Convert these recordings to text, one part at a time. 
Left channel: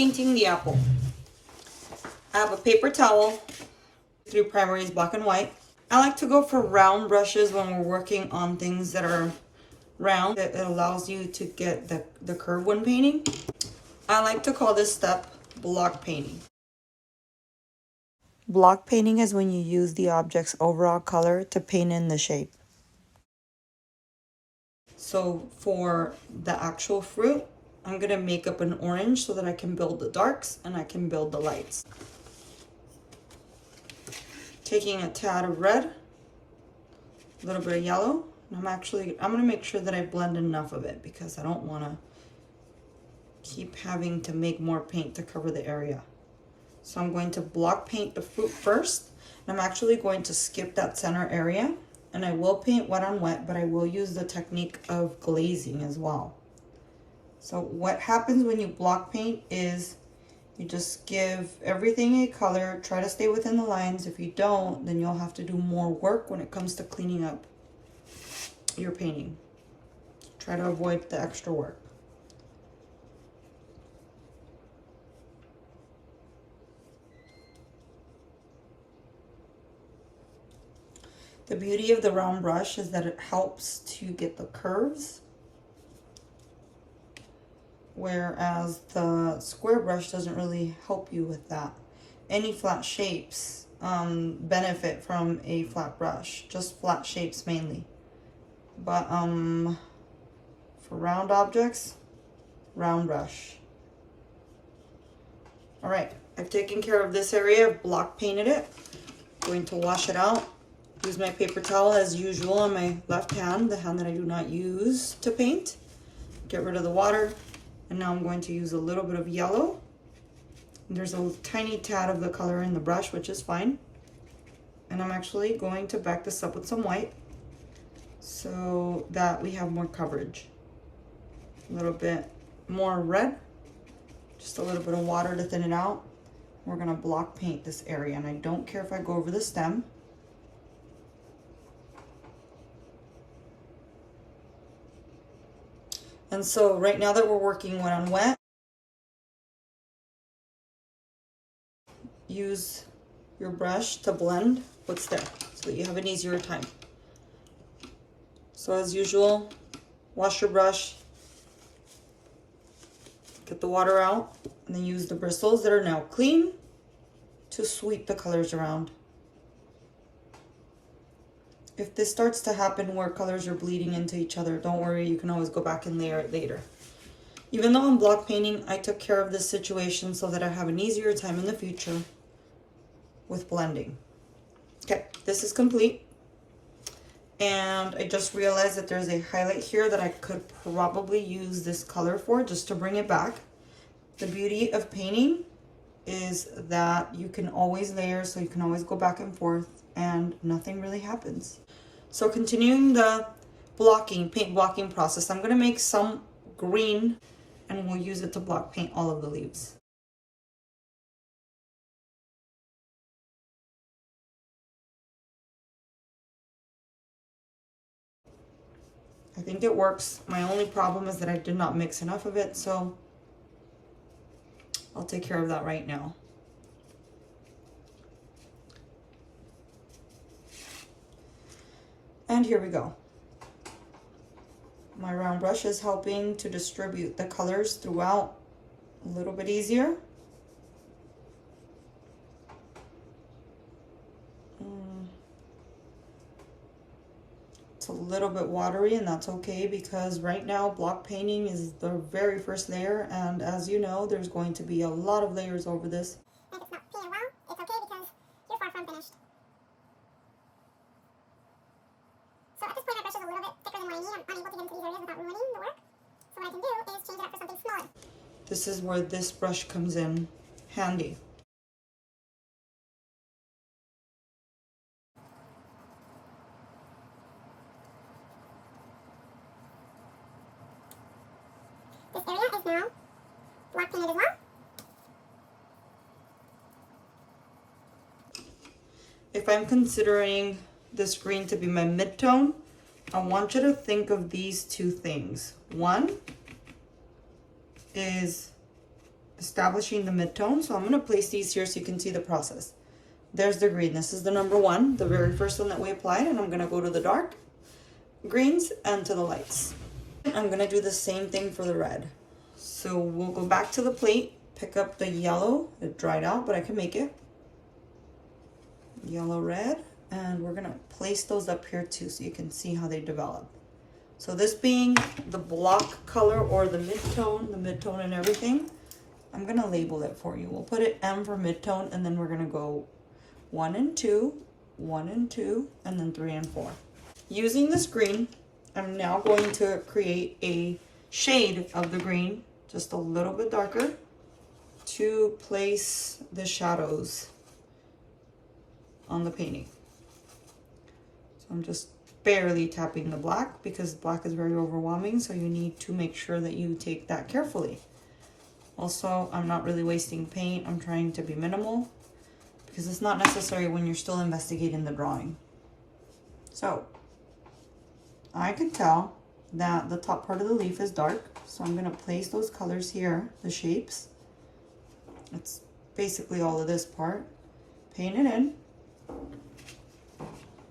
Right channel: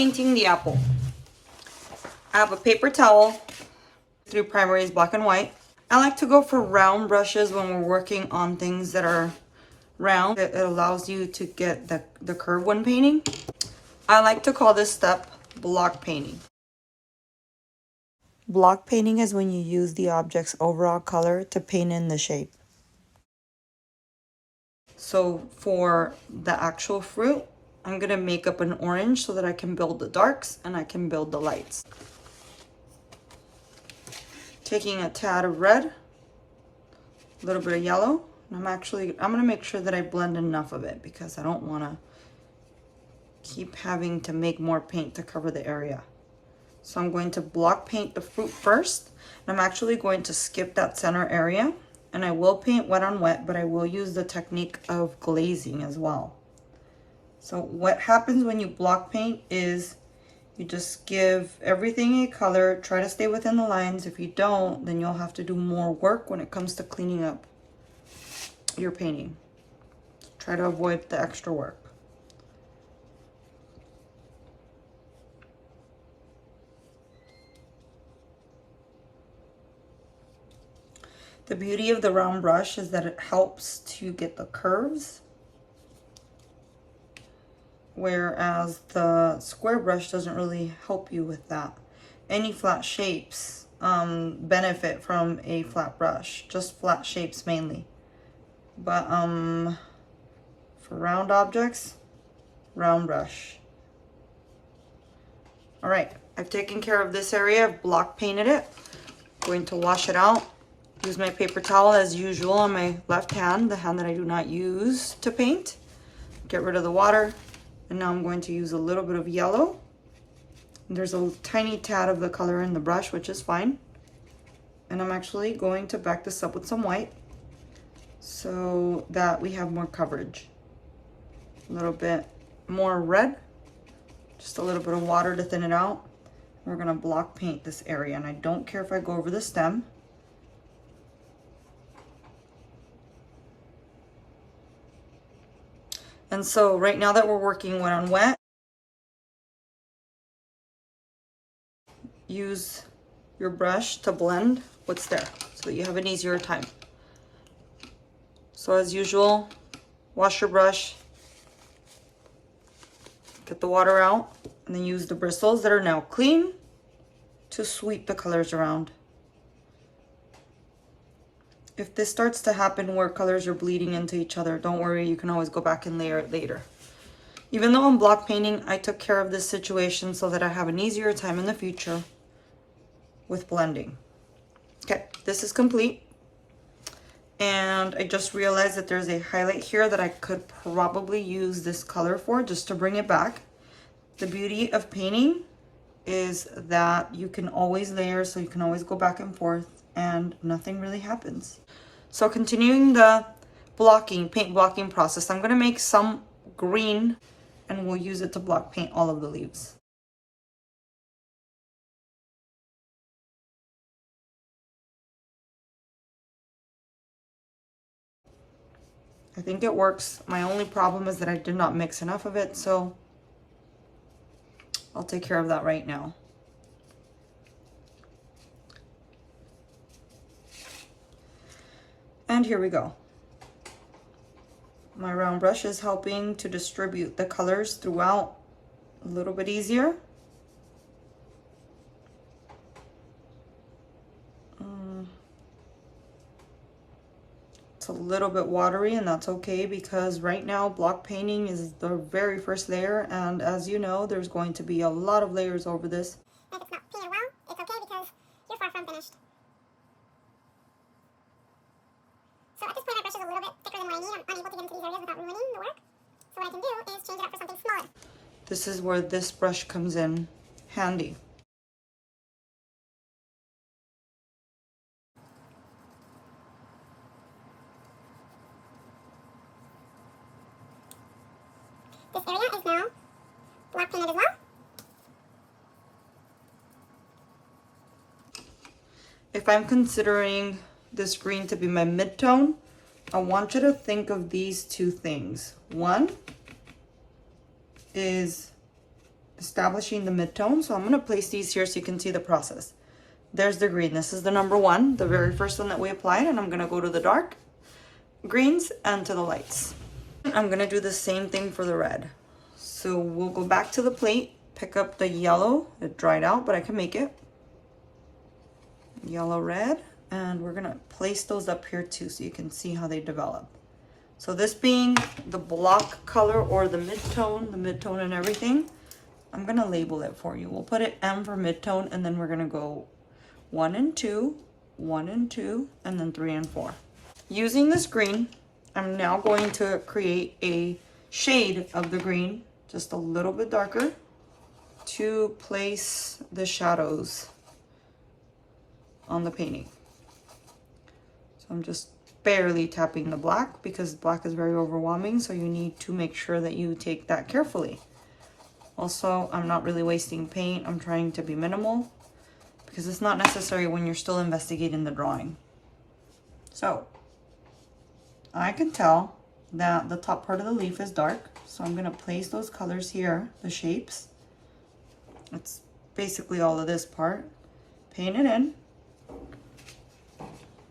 painting the apple. I have a paper towel, through primaries black and white. I like to go for round brushes when we're working on things that are round. It allows you to get the curve when painting. I like to call this step block painting. Block painting is when you use the object's overall color to paint in the shape. So for the actual fruit, I'm gonna make up an orange so that I can build the darks and I can build the lights. Taking a tad of red, a little bit of yellow, and I'm gonna make sure that I blend enough of it because I don't wanna keep having to make more paint to cover the area. So I'm going to block paint the fruit first, and I'm actually going to skip that center area, and I will paint wet on wet, but I will use the technique of glazing as well. So what happens when you block paint is you just give everything a color, try to stay within the lines. If you don't, then you'll have to do more work when it comes to cleaning up your painting. Try to avoid the extra work. The beauty of the round brush is that it helps to get the curves, whereas the square brush doesn't really help you with that. Any flat shapes benefit from a flat brush, just flat shapes mainly. But for round objects, round brush. All right, I've taken care of this area. I've block painted it. Going to wash it out. Use my paper towel as usual on my left hand, the hand that I do not use to paint. Get rid of the water. And now I'm going to use a little bit of yellow. There's a tiny tad of the color in the brush, which is fine. And I'm actually going to back this up with some white so that we have more coverage. A little bit more red, just a little bit of water to thin it out. We're gonna block paint this area, and I don't care if I go over the stem. And so right now that we're working wet on wet, use your brush to blend what's there so that you have an easier time. So as usual, wash your brush, get the water out, and then use the bristles that are now clean to sweep the colors around. If this starts to happen where colors are bleeding into each other, don't worry, you can always go back and layer it later. Even though I'm block painting, I took care of this situation so that I have an easier time in the future with blending. Okay, this is complete. And I just realized that there's a highlight here that I could probably use this color for, just to bring it back. The beauty of painting is that you can always layer, so you can always go back and forth and nothing really happens. So continuing the paint blocking process, I'm gonna make some green and we'll use it to block paint all of the leaves. I think it works. My only problem is that I did not mix enough of it, so I'll take care of that right now. And here we go. My round brush is helping to distribute the colors throughout a little bit easier. It's a little bit watery, and that's okay because right now block painting is the very first layer, and as you know, there's going to be a lot of layers over this. If it's not painted well, it's okay because you're far from finished. So at this point my brush is a little bit thicker than what I need. I'm unable to get into these areas without ruining the work. So what I can do is change it up for something smaller. This is where this brush comes in handy. This area is now block painted as well. If I'm considering this green to be my mid-tone, I want you to think of these two things. One is establishing the mid-tone. So I'm going to place these here so you can see the process. There's the green. This is the number one, the very first one that we applied, and I'm going to go to the dark greens and to the lights. I'm going to do the same thing for the red. So we'll go back to the plate, pick up the yellow. It dried out, but I can make it. Yellow, red, and we're going to place those up here too so you can see how they develop. So this being the block color or the mid-tone and everything, I'm going to label it for you. We'll put it M for mid-tone, and then we're going to go 1 and 2, 1 and 2, and then 3 and 4. Using this green, I'm now going to create a shade of the green, just a little bit darker, to place the shadows on the painting. So I'm just barely tapping the black because black is very overwhelming, so you need to make sure that you take that carefully. Also, I'm not really wasting paint. I'm trying to be minimal because it's not necessary when you're still investigating the drawing. So I can tell that the top part of the leaf is dark, so I'm going to place those colors here, the shapes. It's basically all of this part. Paint it in.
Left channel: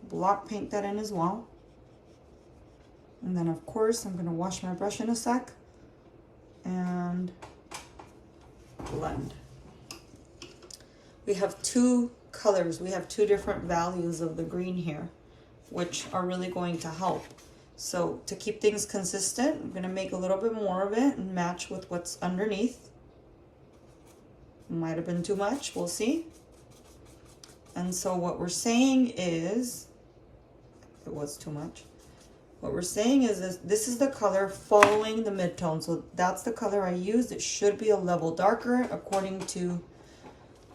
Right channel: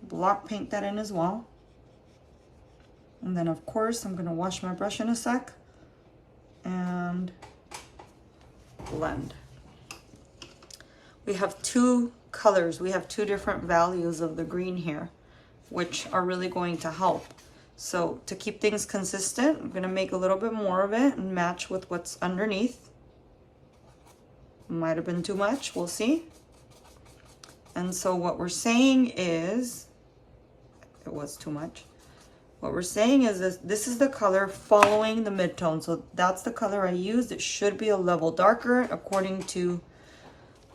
Block paint that in as well. And then of course I'm going to wash my brush in a sec and blend. We have two colors. We have two different values of the green here, which are really going to help. So to keep things consistent, I'm going to make a little bit more of it and match with what's underneath. Might have been too much, we'll see. And so what we're saying is, it was too much. What we're saying is this is the color following the mid-tone. So that's the color I used. It should be a level darker according to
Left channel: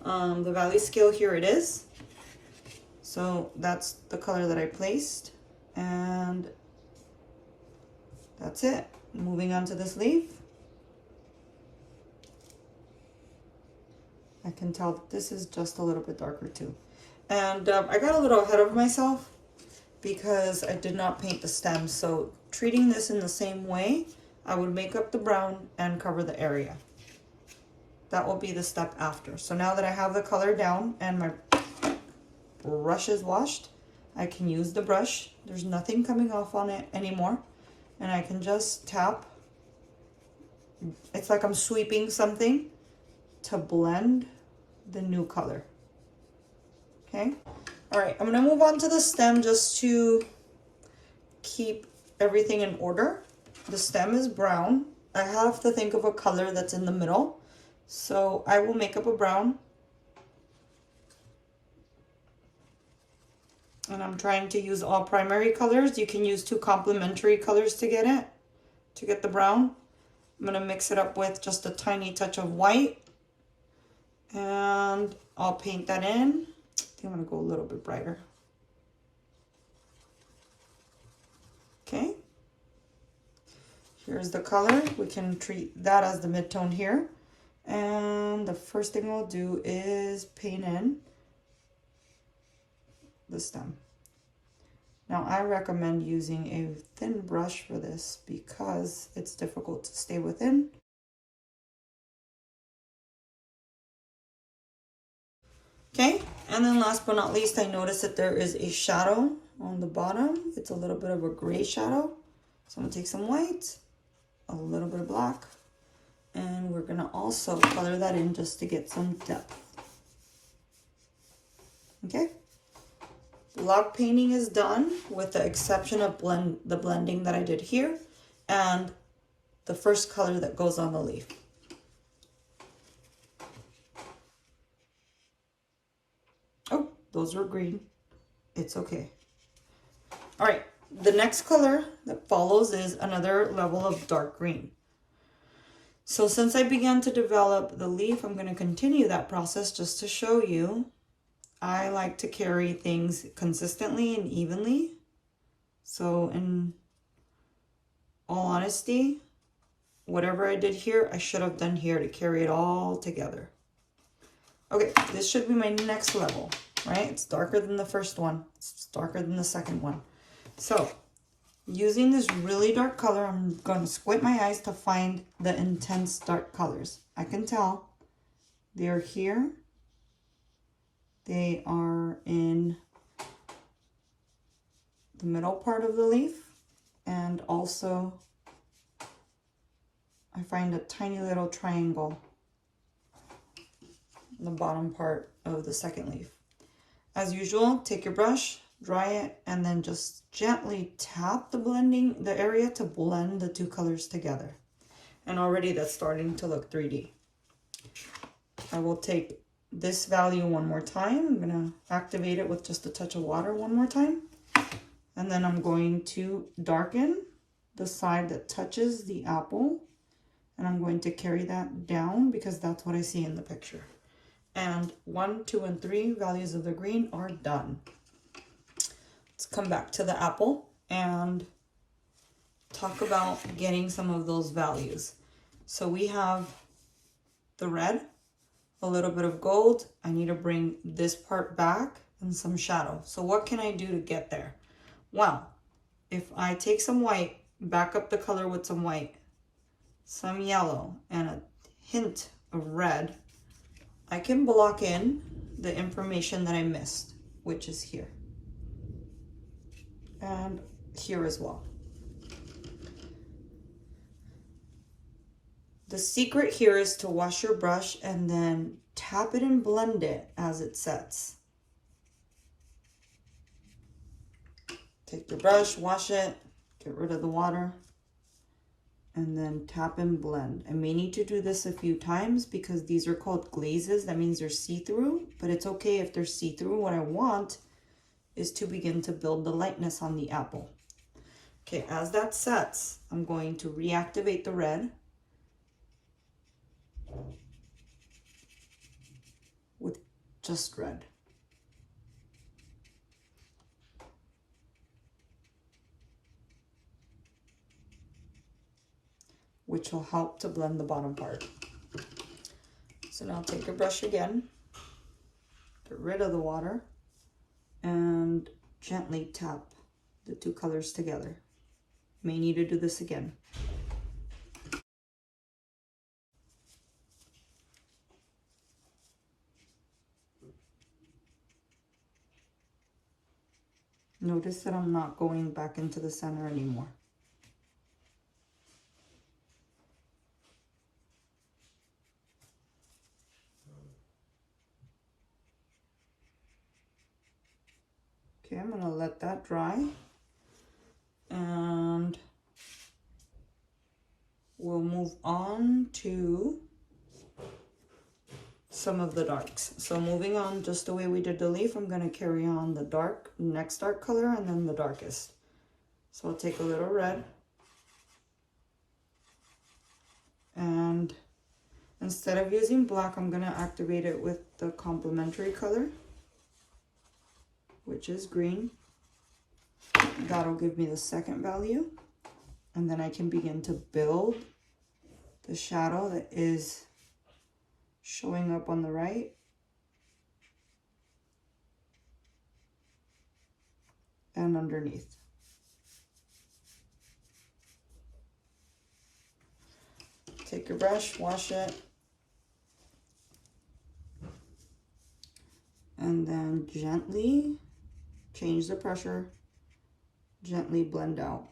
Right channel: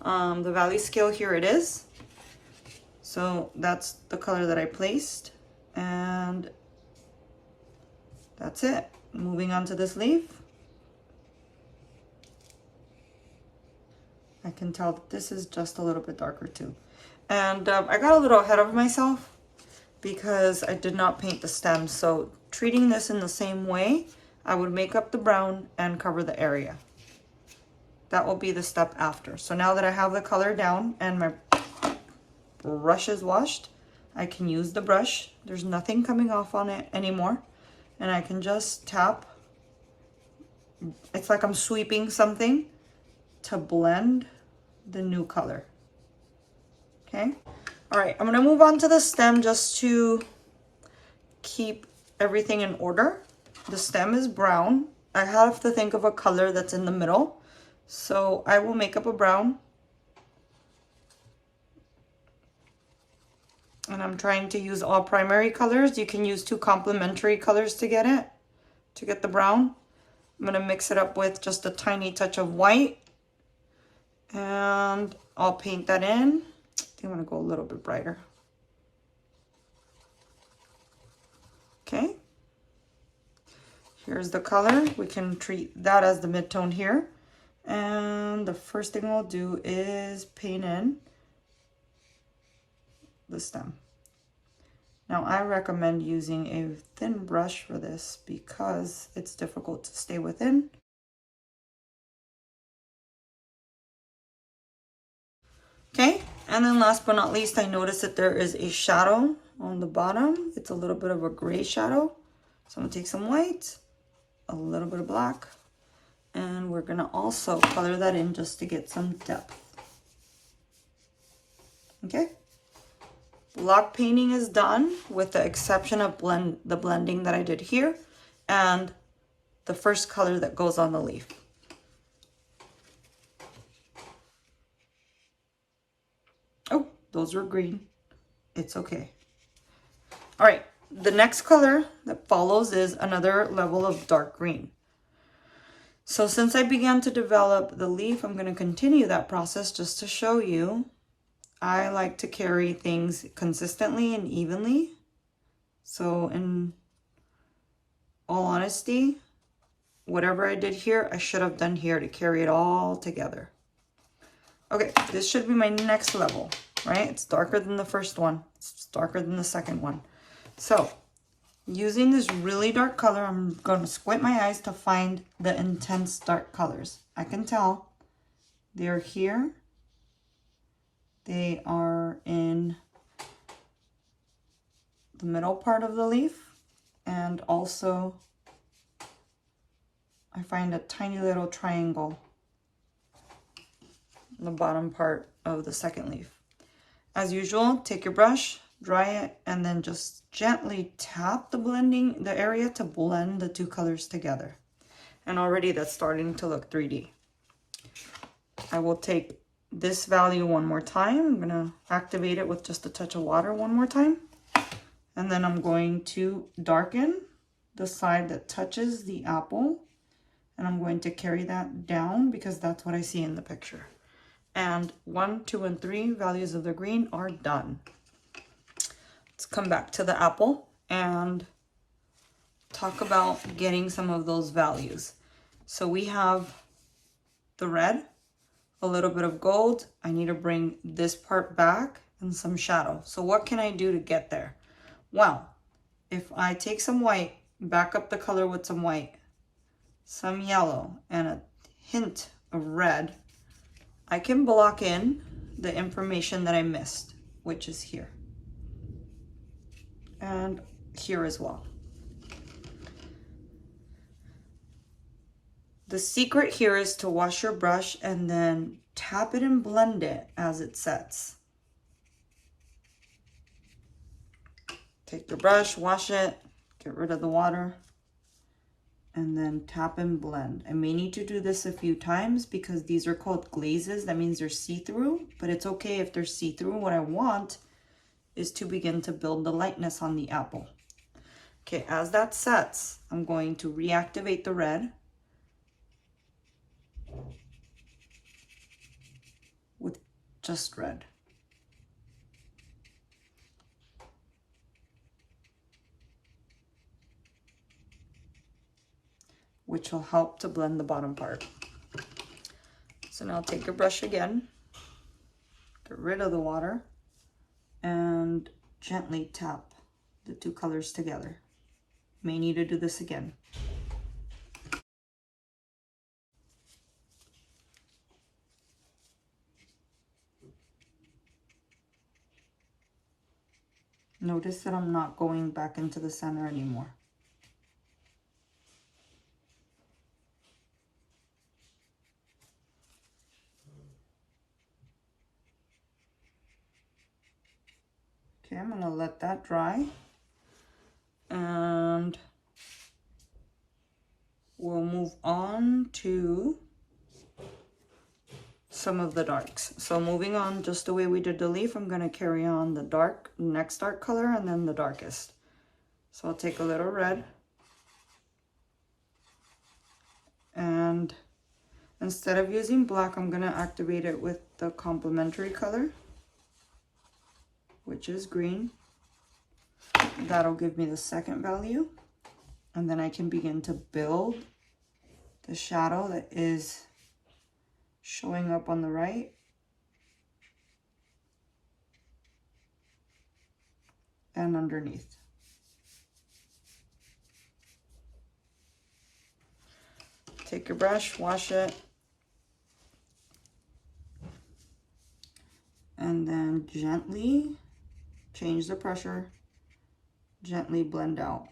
the value scale. Here it is. So that's the color that I placed. And that's it. Moving on to this leaf. I can tell that this is just a little bit darker too. And I got a little ahead of myself because I did not paint the stem. So treating this in the same way, I would make up the brown and cover the area. That will be the step after. So now that I have the color down and my brush is washed, I can use the brush. There's nothing coming off on it anymore. And I can just tap. It's like I'm sweeping something to blend the new color. Okay. All right, I'm gonna move on to the stem just to keep everything in order. The stem is brown. I have to think of a color that's in the middle. So I will make up a brown. And I'm trying to use all primary colors. You can use two complementary colors to get it, to get the brown. I'm gonna mix it up with just a tiny touch of white. And I'll paint that in. I think I'm gonna go a little bit brighter. Okay. Here's the color. We can treat that as the mid-tone here. And the first thing we'll do is paint in the stem. Now I recommend using a thin brush for this because it's difficult to stay within. Okay, and then last but not least, I noticed that there is a shadow on the bottom. It's a little bit of a gray shadow. So I'm gonna take some white, a little bit of black, and we're gonna also color that in just to get some depth. Okay, block painting is done with the exception of the blending that I did here and the first color that goes on the leaf. Oh, those were green. It's okay. All right, the next color that follows is another level of dark green. So since I began to develop the leaf, I'm going to continue that process just to show you. I like to carry things consistently and evenly. So in all honesty, whatever I did here, I should have done here to carry it all together. Okay, this should be my next level, right? It's darker than the first one. It's darker than the second one. So Using this really dark color, I'm going to squint my eyes to find the intense dark colors. I can tell they're here. They are in the middle part of the leaf, and also I find a tiny little triangle in the bottom part of the second leaf. As usual, take your brush, dry it, and then just gently tap the area to blend the two colors together. And already that's starting to look 3D. I will take this value one more time. I'm gonna activate it with just a touch of water one more time. And then I'm going to darken the side that touches the apple. And I'm going to carry that down because that's what I see in the picture. And 1, 2, and 3 values of the green are done. Let's come back to the apple and talk about getting some of those values. So we have the red, a little bit of gold. I need to bring this part back and some shadow. So what can I do to get there? Well, if I take some white, back up the color with some white, some yellow, and a hint of red, I can block in the information that I missed, which is here. And here as well. The secret here is to wash your brush and then tap it and blend it as it sets. Take your brush, wash it, get rid of the water, and then tap and blend. I may need to do this a few times because these are called glazes. That means they're see-through, but it's okay if they're see-through. What I want is to begin to build the lightness on the apple. Okay, as that sets, I'm going to reactivate the red with just red. Which will help to blend the bottom part. So now take your brush again, get rid of the water, and gently tap the two colors together. May need to do this again. Notice that I'm not going back into the center anymore. Okay, I'm gonna let that dry. And we'll move on to some of the darks. So moving on just the way we did the leaf, I'm gonna carry on the next dark color and then the darkest. So I'll take a little red, and instead of using black, I'm gonna activate it with the complementary color, which is green. That'll give me the second value, and then I can begin to build the shadow that is showing up on the right. And underneath. Take your brush, wash it, and then gently change the pressure, gently blend out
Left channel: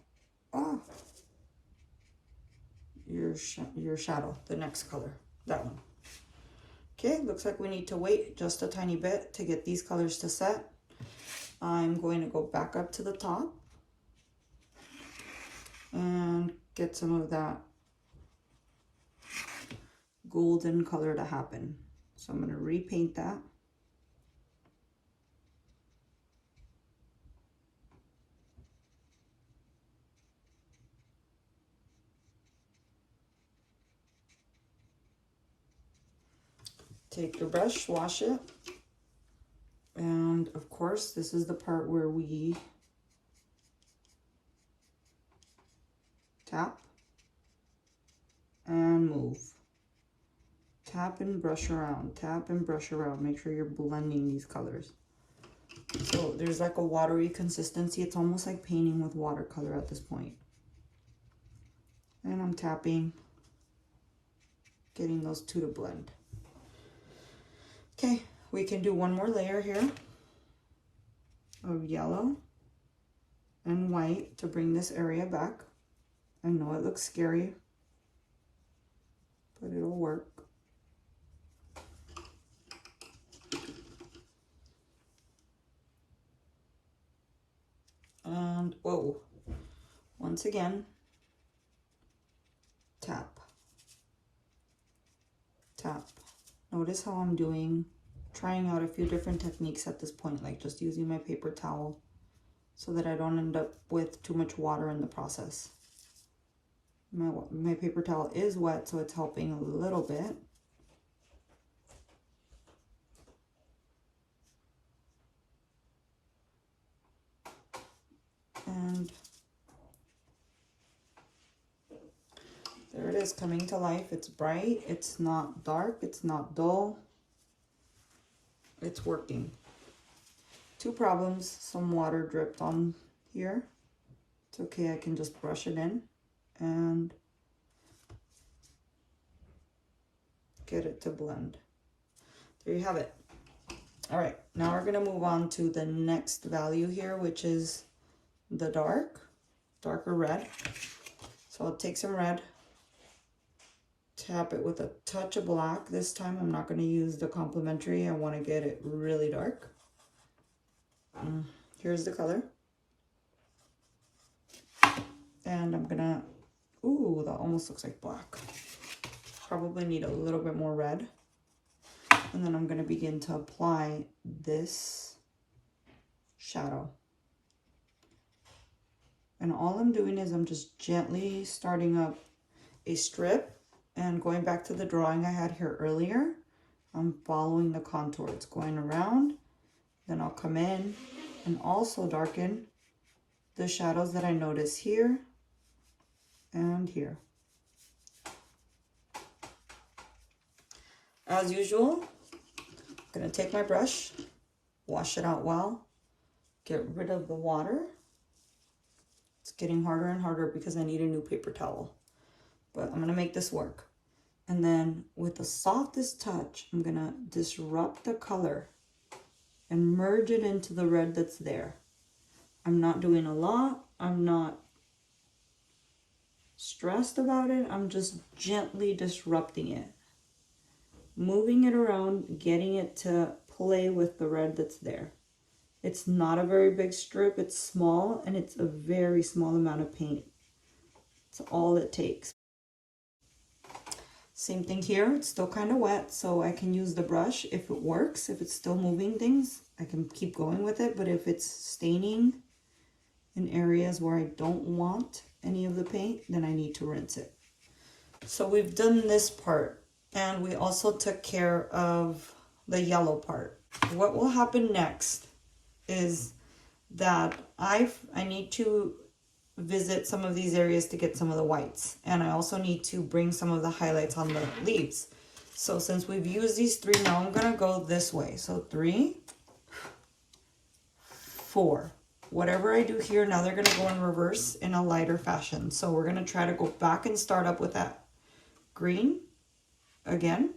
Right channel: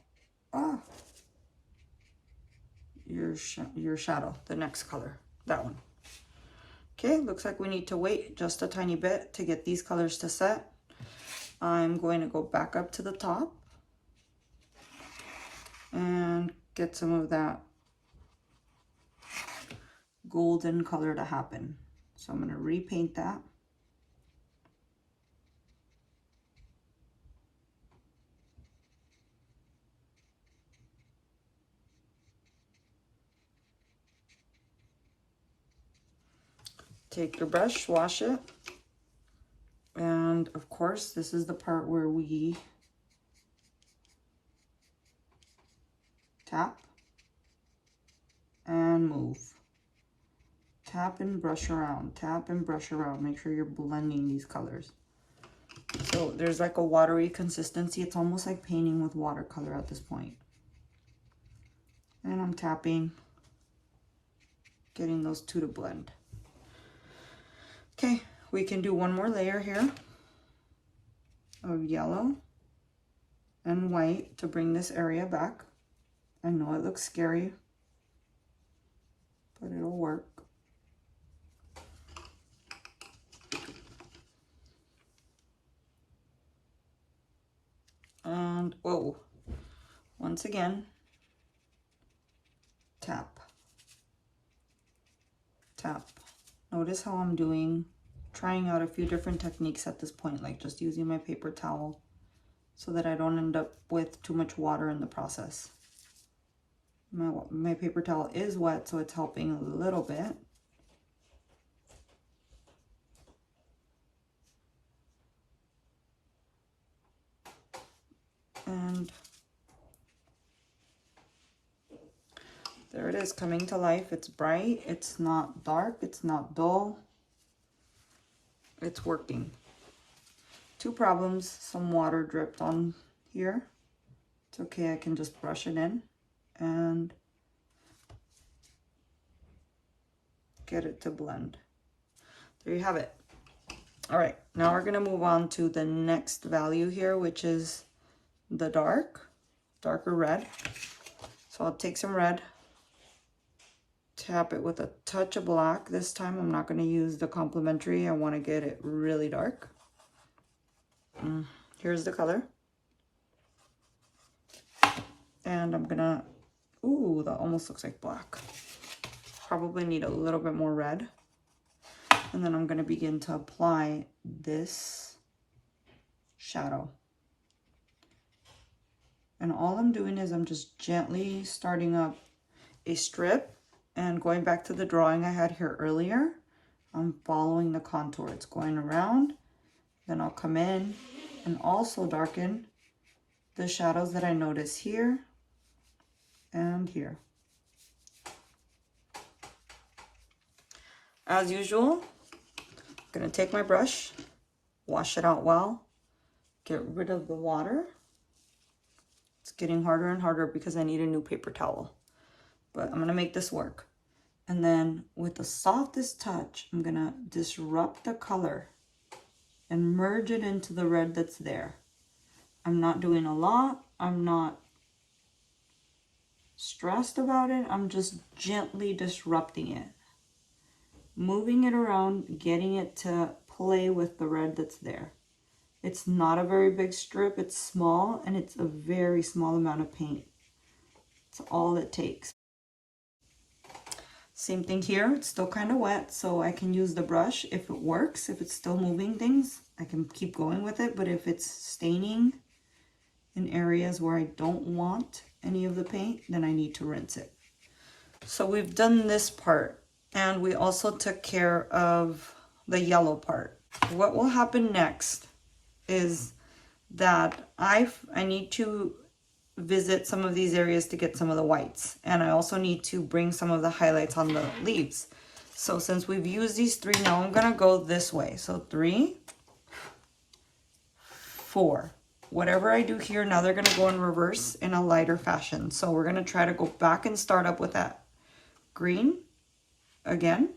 your shadow, the next color, that one. Okay, looks like we need to wait just a tiny bit to get these colors to set. I'm going to go back up to the top and get some of that golden color to happen. So I'm going to repaint that. Take your brush, wash it, and of course this is the part where we tap and move. Tap and brush around, tap and brush around. Make sure you're blending these colors. So there's like a watery consistency. It's almost like painting with watercolor at this point. And I'm tapping, getting those two to blend. Okay, we can do one more layer here of yellow and white to bring this area back. I know it looks scary, but it'll work. And, whoa, once again, tap, tap. Notice how I'm trying out a few different techniques at this point, like just using my paper towel so that I don't end up with too much water in the process. My paper towel is wet, so it's helping a little bit. And there it is, coming to life. It's bright, it's not dark, it's not dull. It's working. Two problems, some water dripped on here. It's okay, I can just brush it in and get it to blend. There you have it. All right, now we're gonna move on to the next value here, which is the darker red. So I'll take some red, tap it with a touch of black. This time I'm not gonna use the complementary. I wanna get it really dark. Here's the color. And I'm gonna, ooh, that almost looks like black. Probably need a little bit more red. And then I'm gonna begin to apply this shadow. And all I'm doing is I'm just gently starting up a strip and going back to the drawing I had here earlier. I'm following the contour. It's going around. Then I'll come in and also darken the shadows that I notice here and here. As usual, I'm gonna take my brush, wash it out well, get rid of the water. It's getting harder and harder because I need a new paper towel, but I'm gonna make this work. And then with the softest touch, I'm gonna disrupt the color and merge it into the red that's there. I'm not doing a lot. I'm not stressed about it. I'm just gently disrupting it, moving it around, getting it to play with the red that's there. It's not a very big strip. It's small, and it's a very small amount of paint. It's all it takes. Same thing here. It's still kind of wet, so I can use the brush if it works. If it's still moving things, I can keep going with it. But if it's staining in areas where I don't want any of the paint, then I need to rinse it. So we've done this part, and we also took care of the yellow part. What will happen next is that I need to visit some of these areas to get some of the whites, and I also need to bring some of the highlights on the leaves. So since we've used these three, now I'm gonna go this way. So 3, 4. Whatever I do here, now they're gonna go in reverse in a lighter fashion. So we're gonna try to go back and start up with that green again.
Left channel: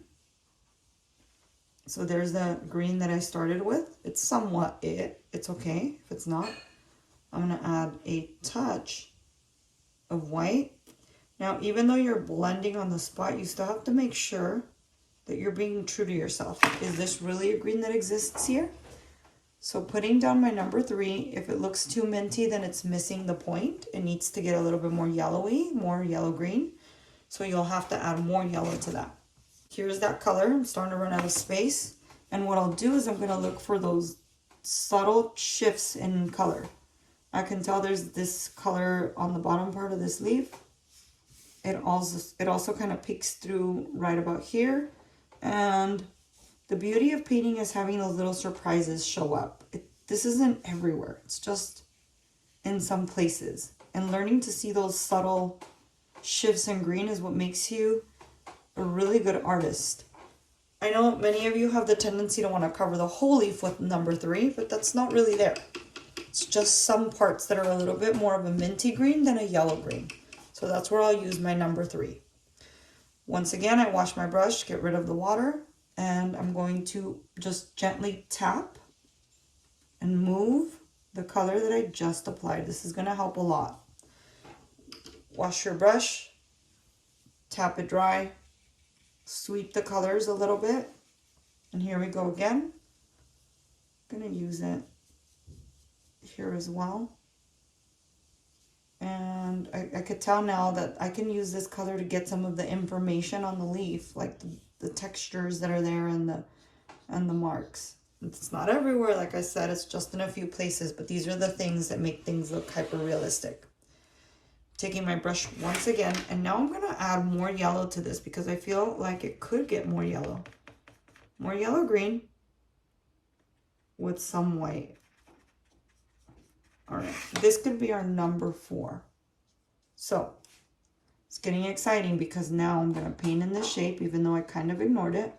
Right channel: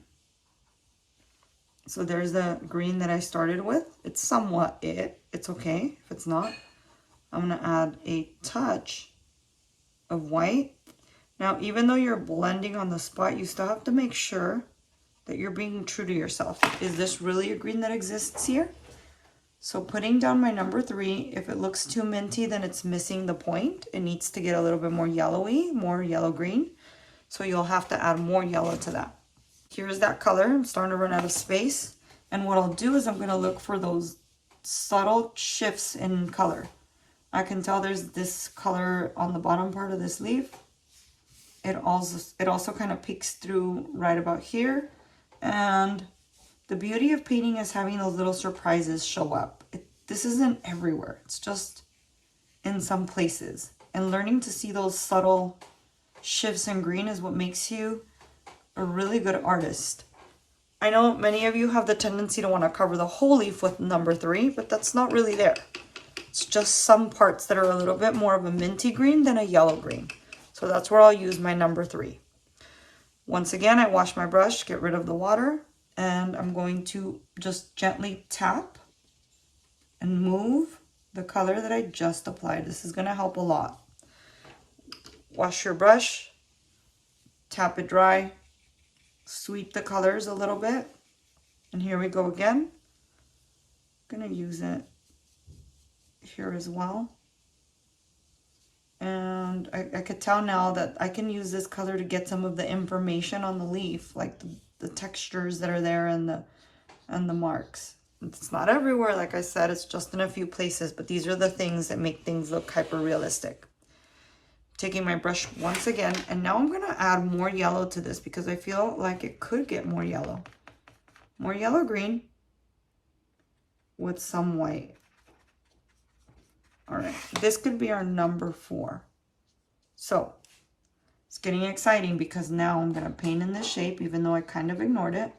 So there's the green that I started with. It's somewhat it's okay if it's not. I'm gonna add a touch of white. Now, even though you're blending on the spot, you still have to make sure that you're being true to yourself. Is this really a green that exists here? So putting down my number 3, if it looks too minty, then it's missing the point. It needs to get a little bit more yellowy, more yellow-green. So you'll have to add more yellow to that. Here's that color. I'm starting to run out of space. And what I'll do is I'm gonna look for those subtle shifts in color. I can tell there's this color on the bottom part of this leaf. It also kind of peeks through right about here. And the beauty of painting is having those little surprises show up. This isn't everywhere. It's just in some places. And learning to see those subtle shifts in green is what makes you a really good artist. I know many of you have the tendency to want to cover the whole leaf with number 3, but that's not really there. It's just some parts that are a little bit more of a minty green than a yellow green. So that's where I'll use my number 3. Once again, I wash my brush, get rid of the water, and I'm going to just gently tap and move the color that I just applied. This is going to help a lot. Wash your brush, tap it dry, sweep the colors a little bit, and here we go again. I'm going to use it here as well. And I could tell now that I can use this color to get some of the information on the leaf, like the textures that are there and the marks. It's not everywhere, like I said, it's just in a few places, but these are the things that make things look hyper realistic. Taking my brush once again, and now I'm going to add more yellow to this because I feel like it could get more yellow. More yellow green with some white. All right, this could be our number 4. So it's getting exciting because now I'm going to paint in this shape, even though I kind of ignored it.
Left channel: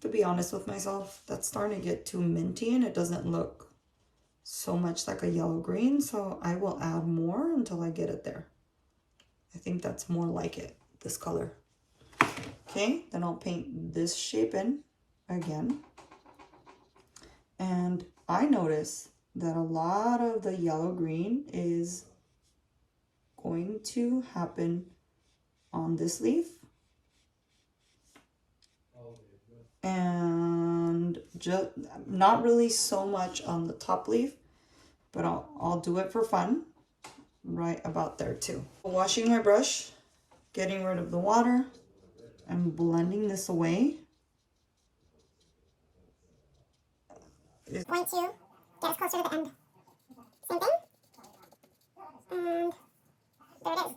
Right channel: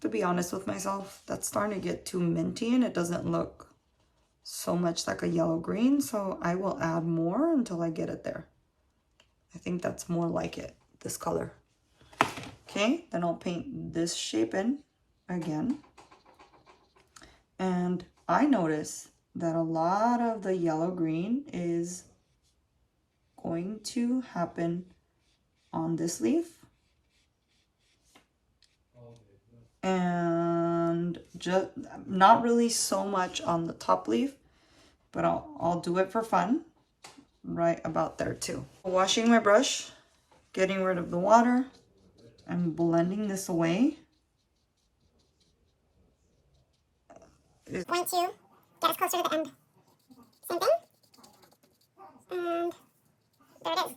To be honest with myself, that's starting to get too minty and it doesn't look so much like a yellow green. So I will add more until I get it there. I think that's more like it, this color. Okay, then I'll paint this shape in again. And I notice that a lot of the yellow green is going to happen on this leaf. And just not really so much on the top leaf, but I'll do it for fun right about there too. Washing my brush, getting rid of the water, and blending this away. Point 2, get us closer to the end. Same thing. And there it is.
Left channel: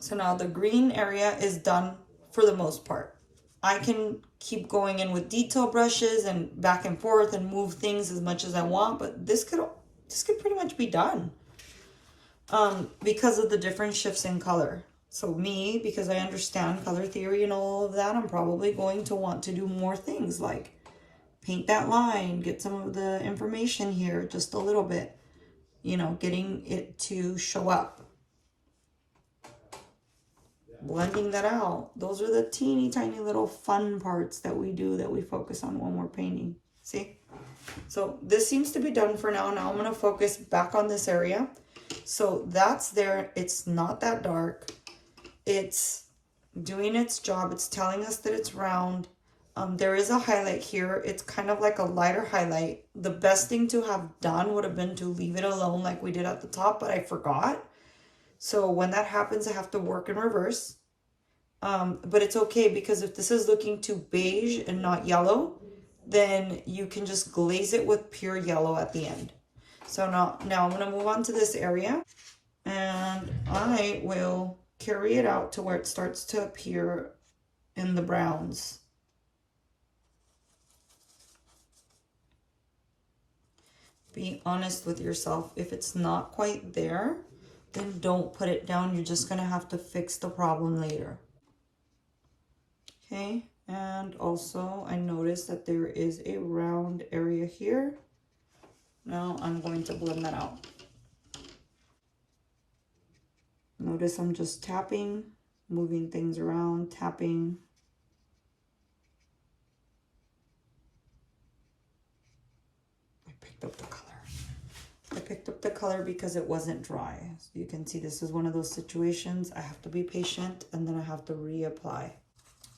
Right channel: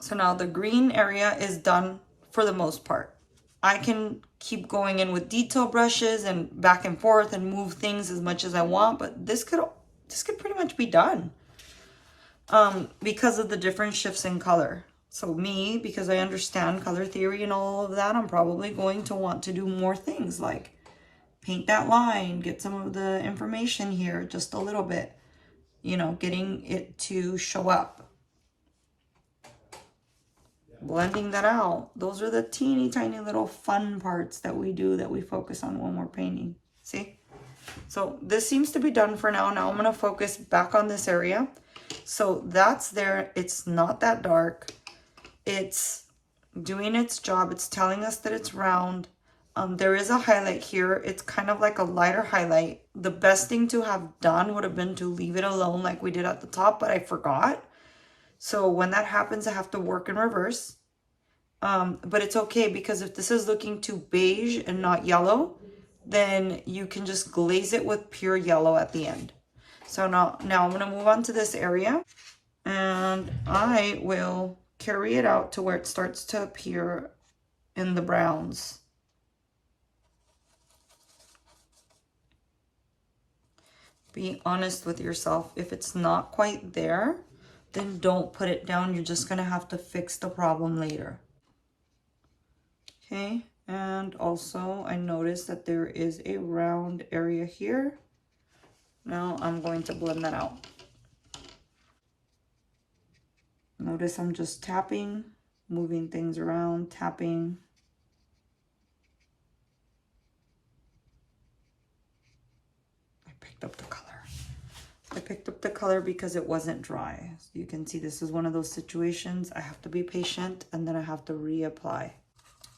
So now the green area is done for the most part. I can keep going in with detail brushes and back and forth and move things as much as I want, but this could pretty much be done because of the different shifts in color. So me, because I understand color theory and all of that, I'm probably going to want to do more things like paint that line, get some of the information here just a little bit, you know, getting it to show up. Blending that out. Those are the teeny tiny little fun parts that we do, that we focus on when we're painting. See? So this seems to be done for now. Now I'm going to focus back on this area. So that's there. It's not that dark. It's doing its job. It's telling us that it's round. There is a highlight here. It's kind of like a lighter highlight. The best thing to have done would have been to leave it alone like we did at the top, but I forgot. So when that happens, I have to work in reverse. But it's okay, because if this is looking too beige and not yellow, then you can just glaze it with pure yellow at the end. So now I'm going to move on to this area, and I will carry it out to where it starts to appear in the browns. Be honest with yourself. If it's not quite there, then don't put it down. You're just going to have to fix the problem later. Okay, and also I noticed that there is a round area here. Now I'm going to blend that out. Notice I'm just tapping, moving things around, tapping. I picked up the color. I picked up the color because it wasn't dry. So you can see this is one of those situations. I have to be patient and then I have to reapply.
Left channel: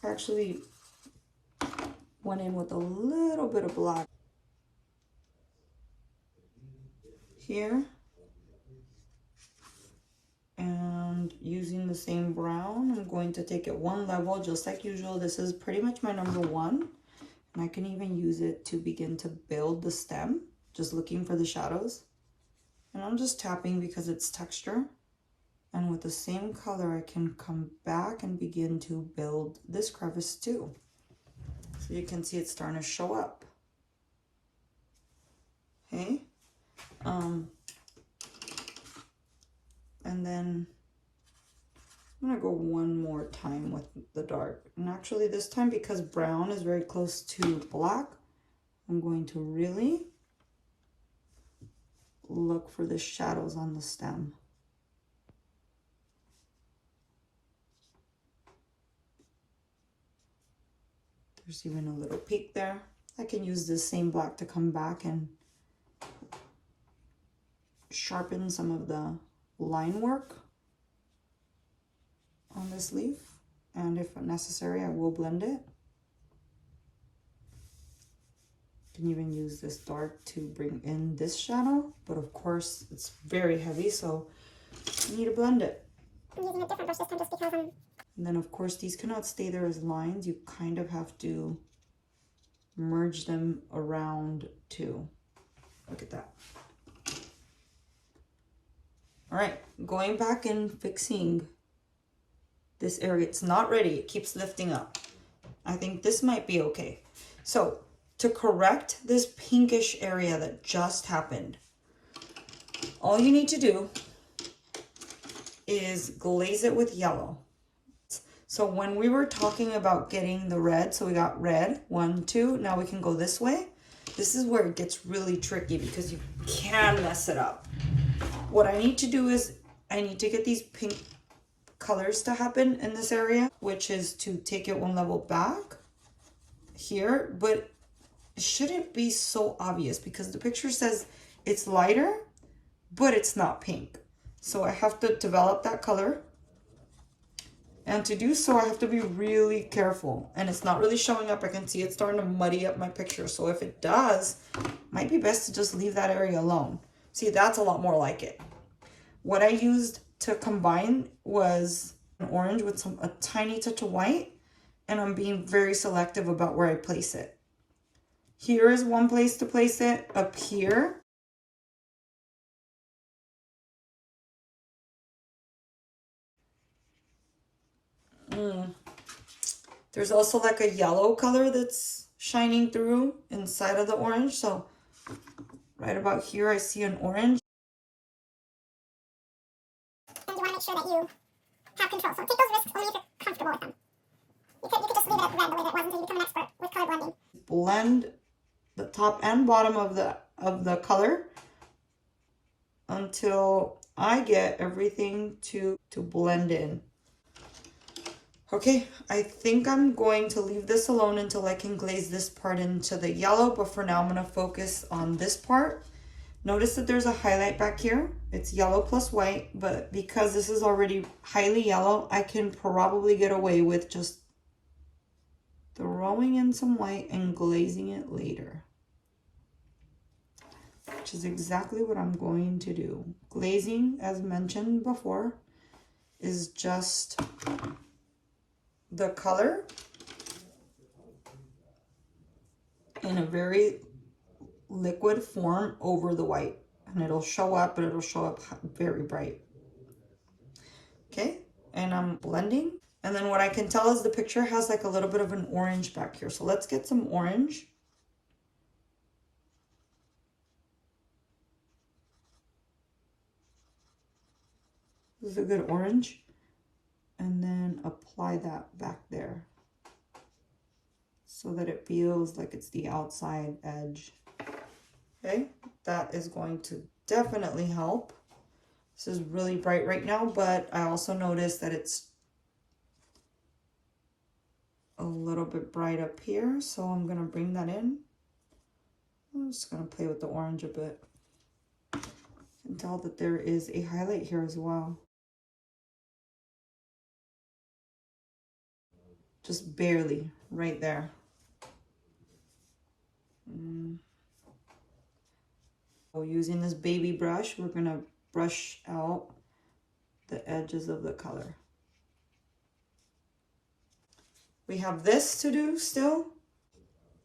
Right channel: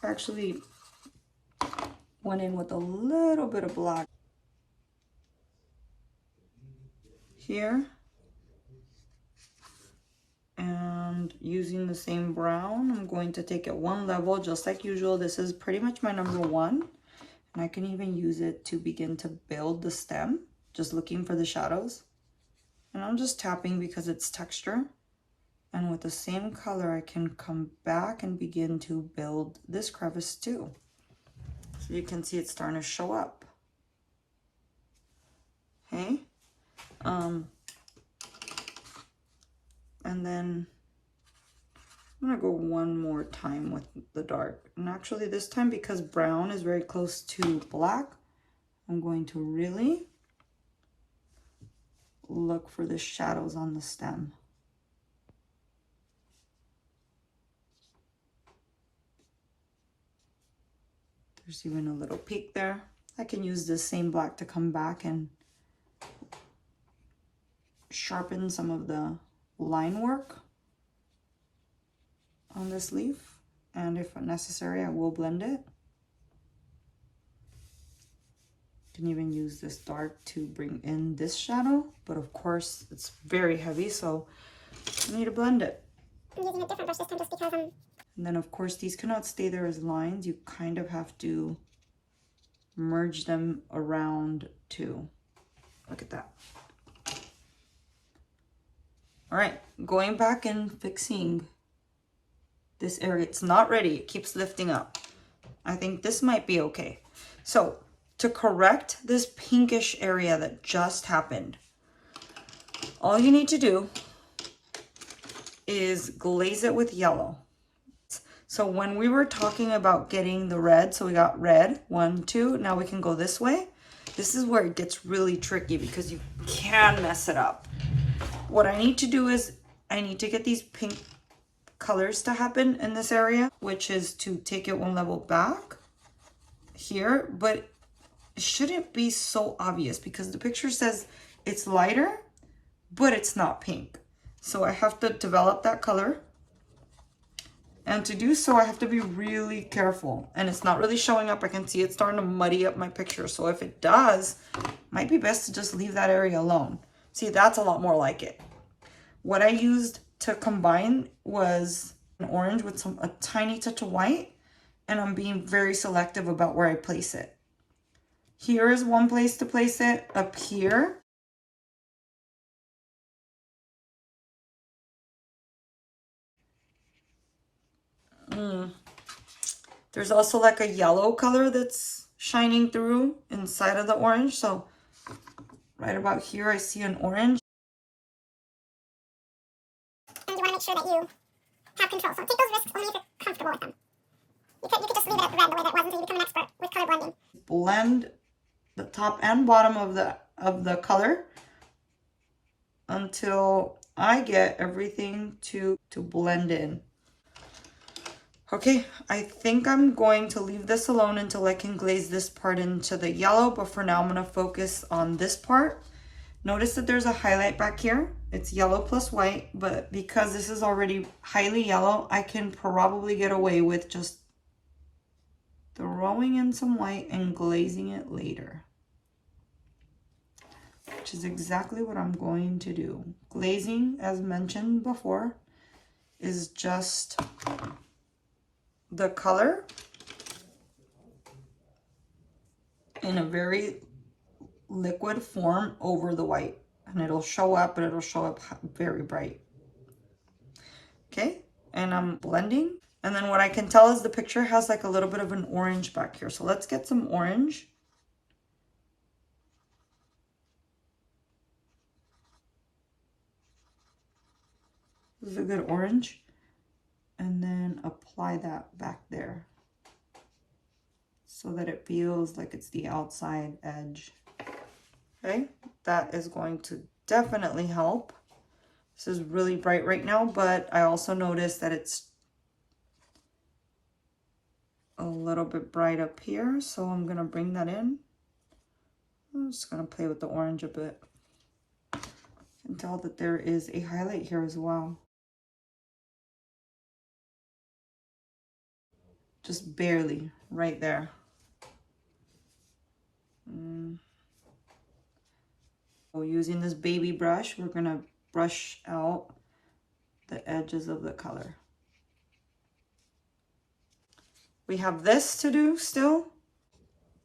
I actually went in with a little bit of black here. And using the same brown, I'm going to take it one level just like usual. This is pretty much my number 1. And I can even use it to begin to build the stem, just looking for the shadows. And I'm just tapping because it's texture. And with the same color, I can come back and begin to build this crevice too. So you can see it's starting to show up. Okay. And then I'm gonna go one more time with the dark. And actually this time, because brown is very close to black, I'm going to really look for the shadows on the stem. There's even a little peak there. I can use this same black to come back and sharpen some of the line work on this leaf. And if necessary, I will blend it. Can even use this dark to bring in this shadow, but of course it's very heavy, so I need to blend it. I'm using a different brush this time just because I'm... And then of course these cannot stay there as lines. You kind of have to merge them around too. Look at that. All right, going back and fixing this area. It's not ready, it keeps lifting up. I think this might be okay. So to correct this pinkish area that just happened, all you need to do is glaze it with yellow. So when we were talking about getting the red, so we got red, 1, 2, now we can go this way. This is where it gets really tricky because you can mess it up. What I need to do is I need to get these pink colors to happen in this area, which is to take it one level back here, but it shouldn't be so obvious because the picture says it's lighter, but it's not pink. So I have to develop that color. And to do so, I have to be really careful. And it's not really showing up. I can see it starting to muddy up my picture. So if it does, it might be best to just leave that area alone. See, that's a lot more like it. What I used to combine was an orange with a tiny touch of white. And I'm being very selective about where I place it. Here is one place to place it, up here. There's also like a yellow color that's shining through inside of the orange. So right about here, I see an orange. And you want to make sure that you have control. So take those risks only if you're comfortable with them. You could just leave it red the way that it was until you become an expert with color blending. Blend the top and bottom of the color until I get everything to blend in. Okay, I think I'm going to leave this alone until I can glaze this part into the yellow, but for now I'm going to focus on this part. Notice that there's a highlight back here. It's yellow plus white, but because this is already highly yellow, I can probably get away with just throwing in some white and glazing it later, which is exactly what I'm going to do. Glazing, as mentioned before, is just the color in a very liquid form over the white, and it'll show up, but it'll show up very bright. Okay, and I'm blending, and then what I can tell is the picture has like a little bit of an orange back here, so let's get some orange. This is a good orange, and then apply that back there so that it feels like it's the outside edge. Okay, that is going to definitely help. This is really bright right now, but I also noticed that it's a little bit bright up here, so I'm gonna bring that in. I'm just gonna play with the orange a bit. You can tell that there is a highlight here as well. Just barely, right there. So using this baby brush, we're gonna brush out the edges of the color. We have this to do still.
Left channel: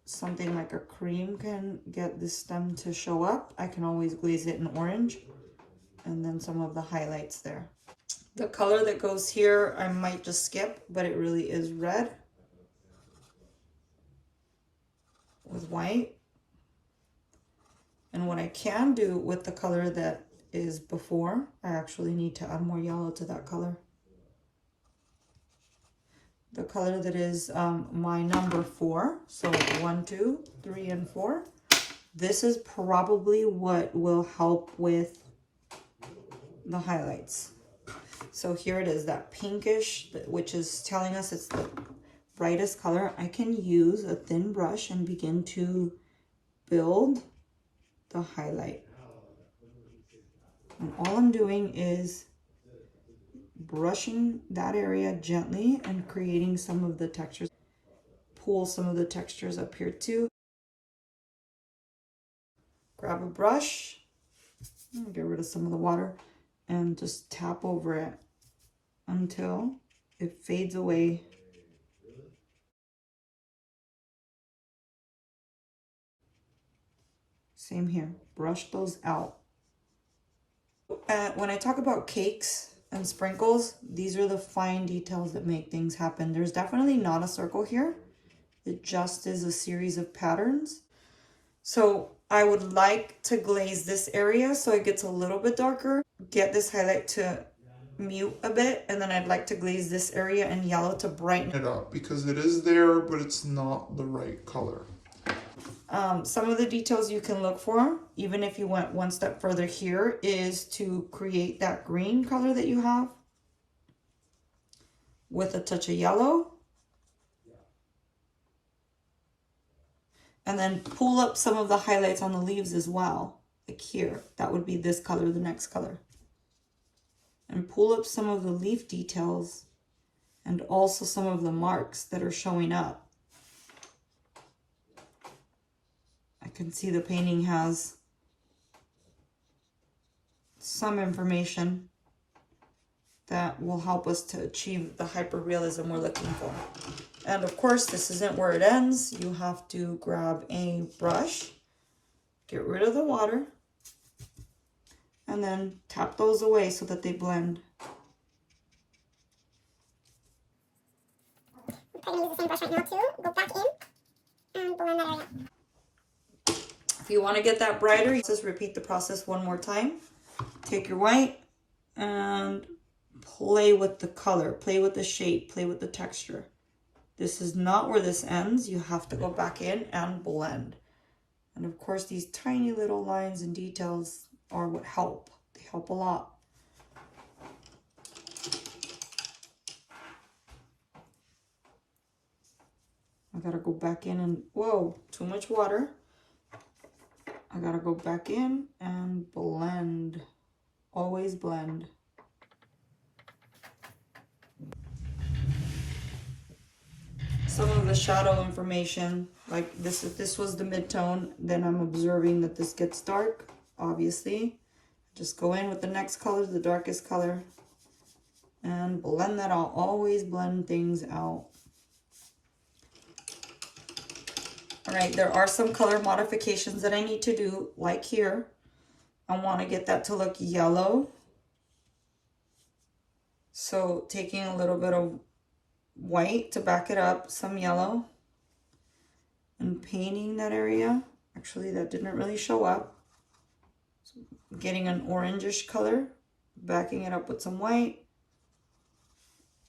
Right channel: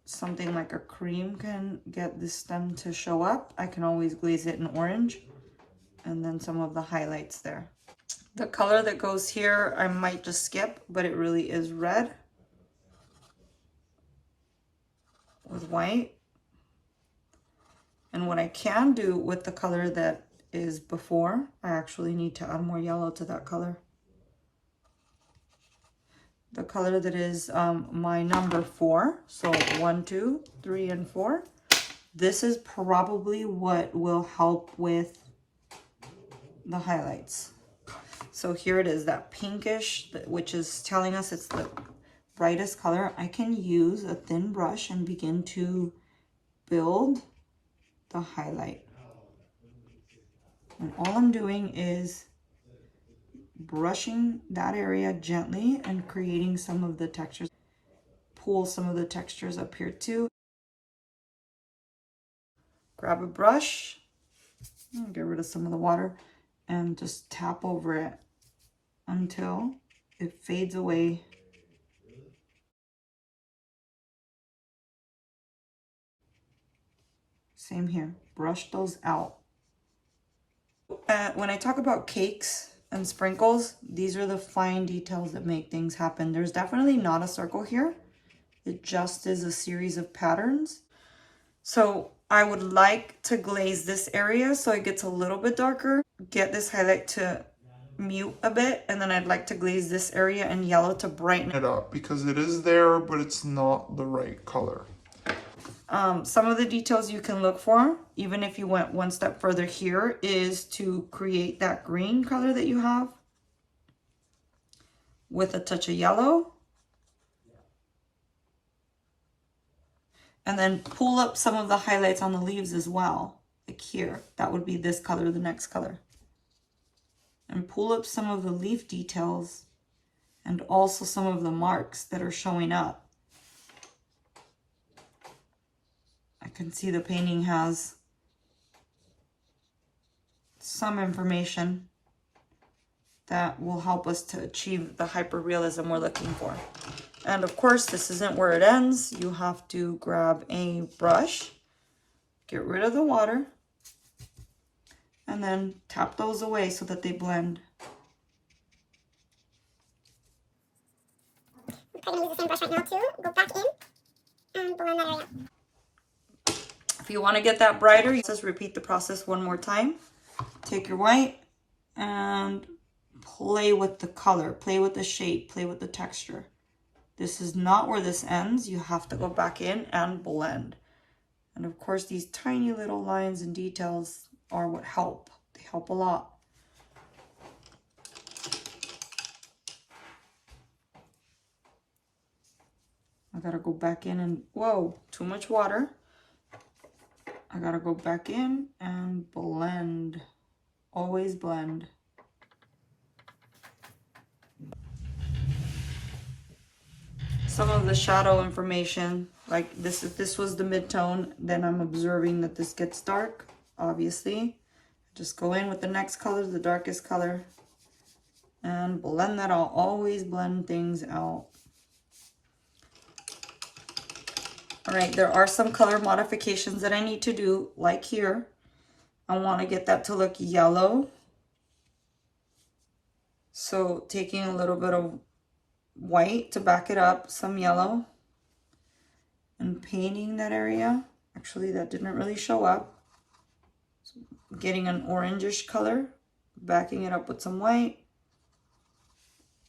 Something like a cream can get the stem to show up. I can always glaze it in orange, and then some of the highlights there. The color that goes here, I might just skip, but it really is red with white. And what I can do with the color that is before, I actually need to add more yellow to that color. the color that is my number 4. So 1, 2, 3, and 4. This is probably what will help with the highlights. So here it is, that pinkish, which is telling us it's the brightest color. I can use a thin brush and begin to build the highlight. And all I'm doing is brushing that area gently and creating some of the textures. Pull some of the textures up here too. Grab a brush, get rid of some of the water, and just tap over it until it fades away. Same here, brush those out. When I talk about cakes and sprinkles, these are the fine details that make things happen. There's definitely not a circle here. It just is a series of patterns. So I would like to glaze this area so it gets a little bit darker. Get this highlight to mute a bit, and then I'd like to glaze this area in yellow to brighten it up because it is there, but it's not the right color. Some of the details you can look for, even if you went one step further here, is to create that green color that you have with a touch of yellow. And then pull up some of the highlights on the leaves as well, like here. That would be this color, the next color. And pull up some of the leaf details and also some of the marks that are showing up. I can see the painting has some information that will help us to achieve the hyperrealism we're looking for. And of course, this isn't where it ends. You have to grab a brush, get rid of the water, and then tap those away so that they blend. I'm going to use the same brush right now too. Go back in and blend that area. If you want to get that brighter, you just repeat the process one more time. Take your white and play with the color, play with the shape, play with the texture. This is not where this ends. You have to go back in and blend. And of course, these tiny little lines and details are what help. They help a lot. I gotta go back in and, whoa, too much water. I gotta go back in and blend. Always blend. Some of the shadow information, like this, if this was the mid-tone, then I'm observing that this gets dark, obviously. Just go in with the next color, the darkest color, and blend that out. Always blend things out. All right, there are some color modifications that I need to do, like here. I want to get that to look yellow. So taking a little bit of white to back it up, some yellow, and painting that area. Actually, that didn't really show up. So getting an orangish color, backing it up with some white,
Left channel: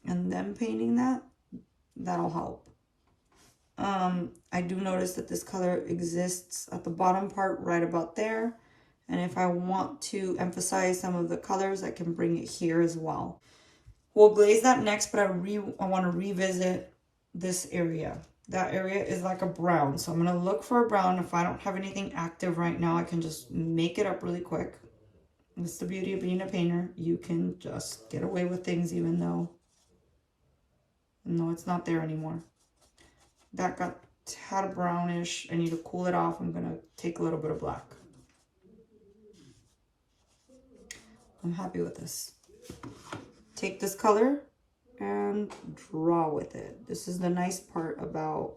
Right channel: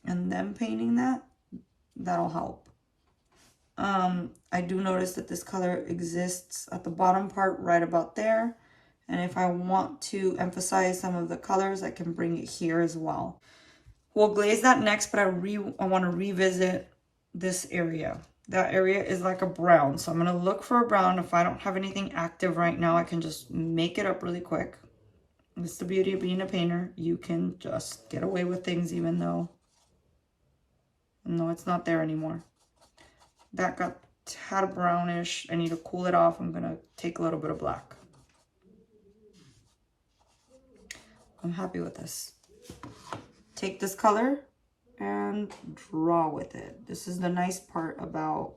and then painting that. That'll help. I do notice that this color exists at the bottom part right about there. And if I want to emphasize some of the colors, I can bring it here as well. We'll glaze that next, but I want to revisit this area. That area is like a brown. So I'm going to look for a brown. If I don't have anything active right now, I can just make it up really quick. That's the beauty of being a painter. You can just get away with things even though no, it's not there anymore. That got tad brownish. I need to cool it off. I'm going to take a little bit of black. I'm happy with this. Take this color and draw with it. This is the nice part about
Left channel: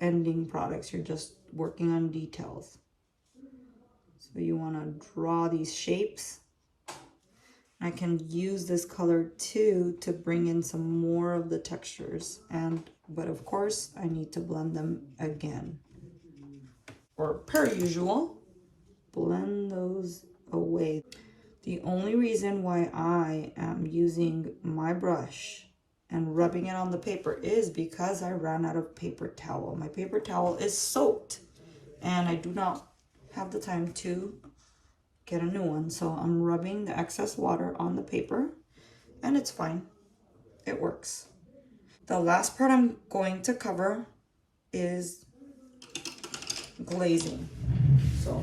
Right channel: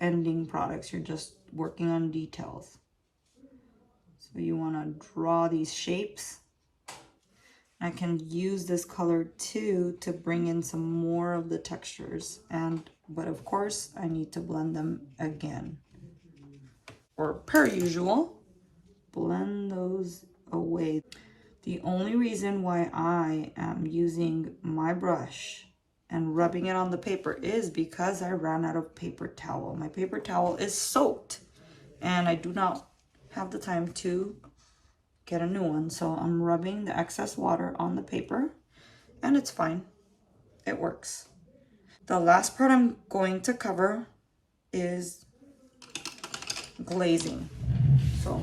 ending products. You're just working on details. So you want to draw these shapes. I can use this color too to bring in some more of the textures, but of course I need to blend them again. Or per usual, blend those away. The only reason why I am using my brush and rubbing it on the paper is because I ran out of paper towel. My paper towel is soaked and I do not have the time to get a new one. So I'm rubbing the excess water on the paper and it's fine. It works. The last part I'm going to cover is glazing. So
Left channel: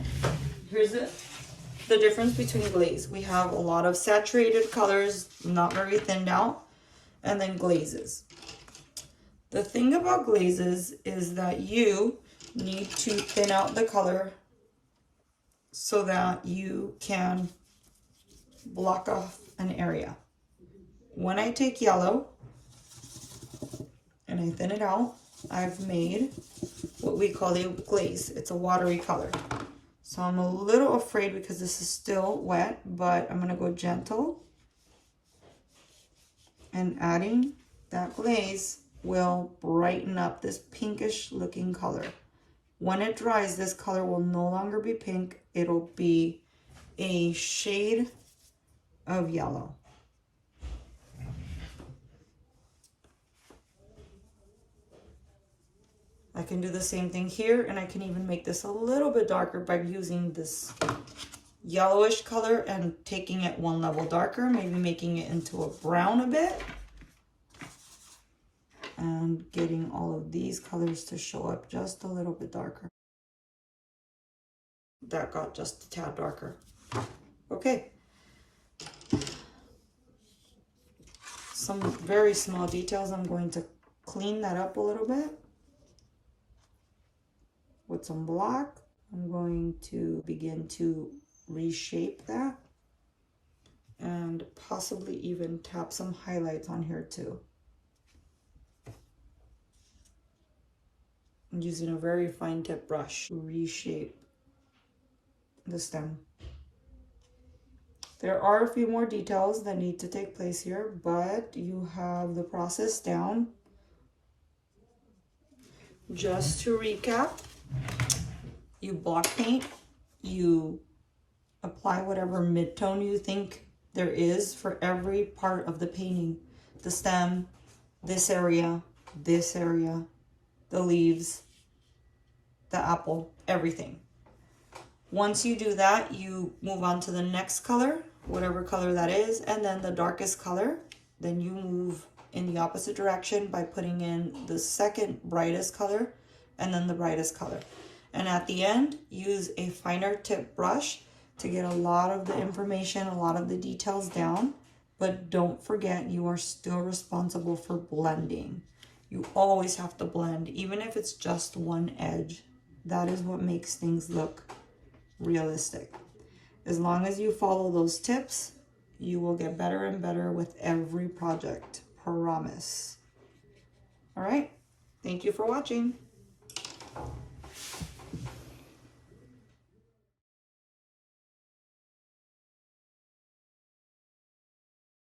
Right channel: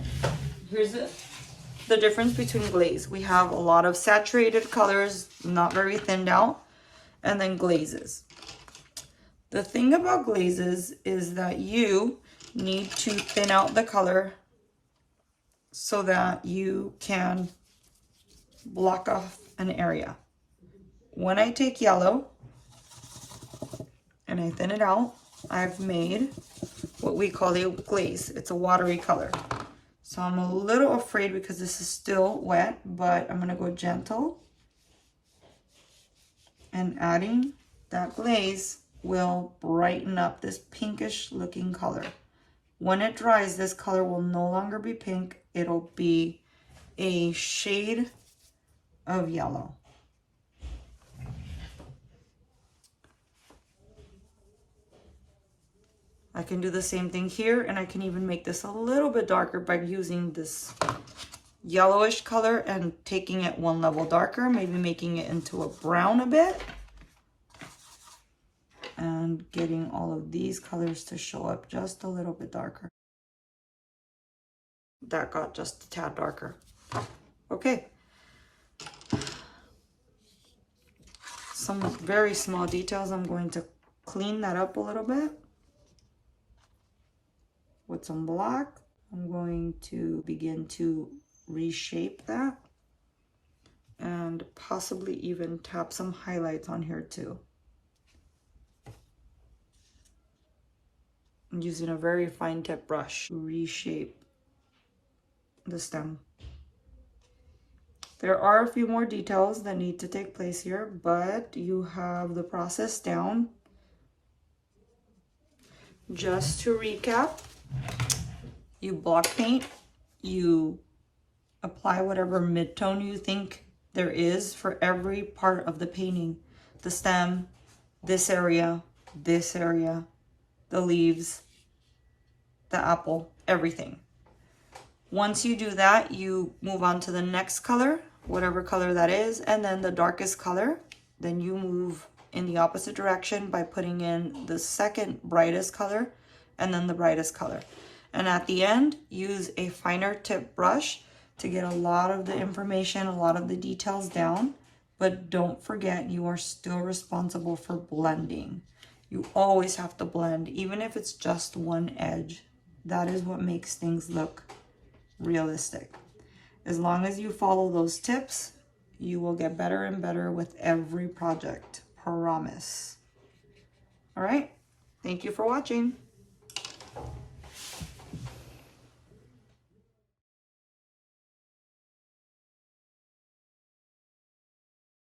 here's the difference between glaze. We have a lot of saturated colors, not very thinned out, and then glazes. The thing about glazes is that you need to thin out the color so that you can block off an area. When I take yellow and I thin it out, I've made what we call a glaze. It's a watery color. So I'm a little afraid because this is still wet, but I'm gonna go gentle. And adding that glaze will brighten up this pinkish looking color. When it dries, this color will no longer be pink. It'll be a shade of yellow. I can do the same thing here, and I can even make this a little bit darker by using this yellowish color and taking it one level darker, maybe making it into a brown a bit, and getting all of these colors to show up just a little bit darker. That got just a tad darker. Okay. Some very small details. I'm going to clean that up a little bit with some black. I'm going to begin to reshape that and possibly even tap some highlights on here too. I'm using a very fine tip brush to reshape the stem. There are a few more details that need to take place here, but you have the process down. Just to recap, you block paint, you apply whatever midtone you think there is for every part of the painting. The stem, this area, the leaves, the apple, everything. Once you do that, you move on to the next color, whatever color that is, and then the darkest color. Then you move in the opposite direction by putting in the second brightest color and then the brightest color. And at the end, use a finer tip brush to get a lot of the information, a lot of the details down. But don't forget, you are still responsible for blending. You always have to blend, even if it's just one edge. That is what makes things look realistic. As long as you follow those tips, you will get better and better with every project. Promise. All right. Thank you for watching.